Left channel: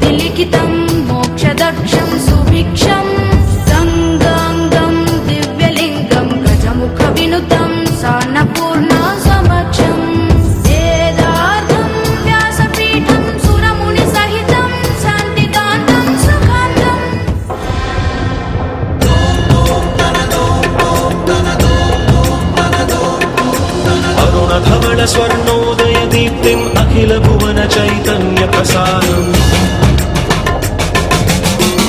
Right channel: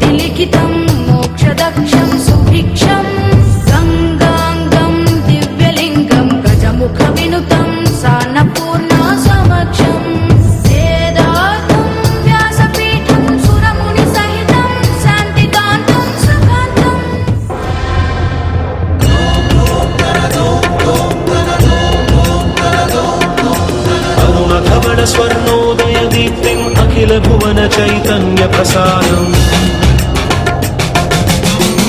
విధి లిఖితం మోక్షదక్షం సుభిక్షం గంగాంగం దివ్యలింగం గజముఖ వినుతం సాన్నపూర్ణ సమక్షం వేదార్థం వ్యాసపీఠం సురముని సహితం శాంతిదాంతం సుఖాంతం. అరుణధవళ స్వర్ణోదయ దీప్తిం అఖిల భువన చైతన్య ప్రసారం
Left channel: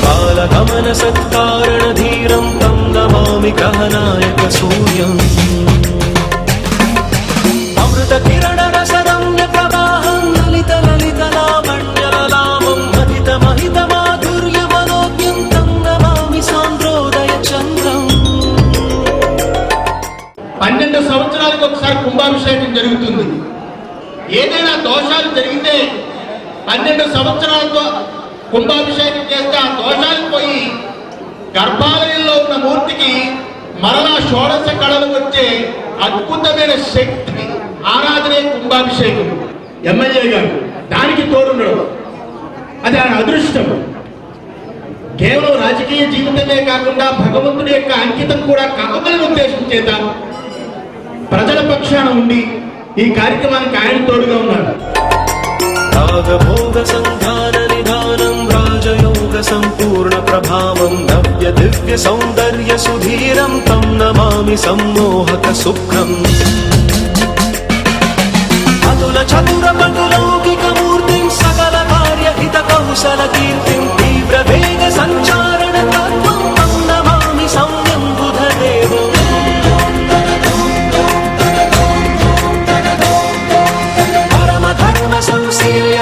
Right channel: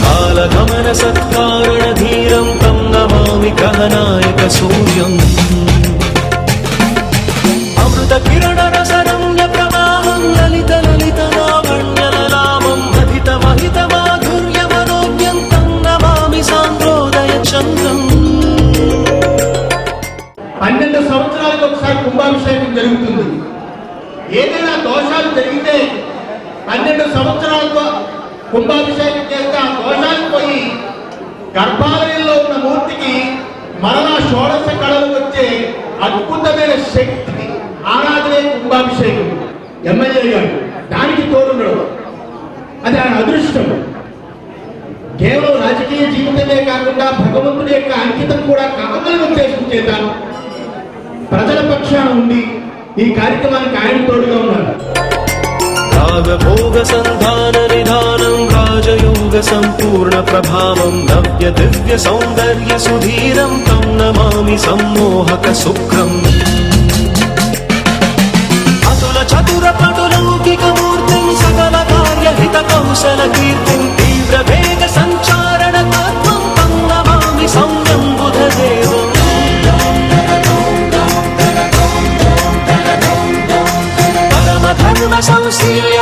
కాలగమన సత్కారణ ధీరం తం నమామి గ్రహనాయక సూర్యం అమృత కిరణ రసరమ్య ప్రవాహం లలిత లలిత లావణ్యలలామం మహిత మహిత మాధుర్య మనోజ్ఞం తం నమామి సాంద్రోదయ చంద్రం. 12 సంవత్సరాలకు ఒకసారి కుంభాభిషేకం జరుగుతుంది. ఏదైనా దోషాలు జరిగితే 12 సంవత్సరాలతో కుంభాభిషేకం చేస్తే ఆ దోషాలు పోయి గర్భాలయంలో ఉన్న మూర్తికి మరలా షోడశ కళలు వచ్చే అద్భుతమైన శక్తి ఆరాధనే కుంభాభిషేకం. ఎమ్మెల్యే గారు దానికి తోడుండడం అది ఆయన అదృష్టం. కేవలం రాజకీయ జీవితమే కాకుండా భగవంతుడి యొక్క అంకితం కూడా కావాలని ఉద్దేశం చేత ప్రజల పక్షాన ఉండి ఈ కార్యక్రమానికి ఆయన తోడుగా ఉన్నారు. రాగభోగ సంధాన నిధానం రాజయోగ సంపూర్ణ ప్రభావం నవ్య దివ్య సౌందర్య సుధీరం తం నమామి సమ్మోహక సుఖం అతుల చతుర పటులౌకిక మూర్తిం సకల కార్యహిత కౌశల కీర్తిం తీవ్ర వేగ సంచారణ తత్వం తం నమామి సంయం బుధదేవం సంశీల్య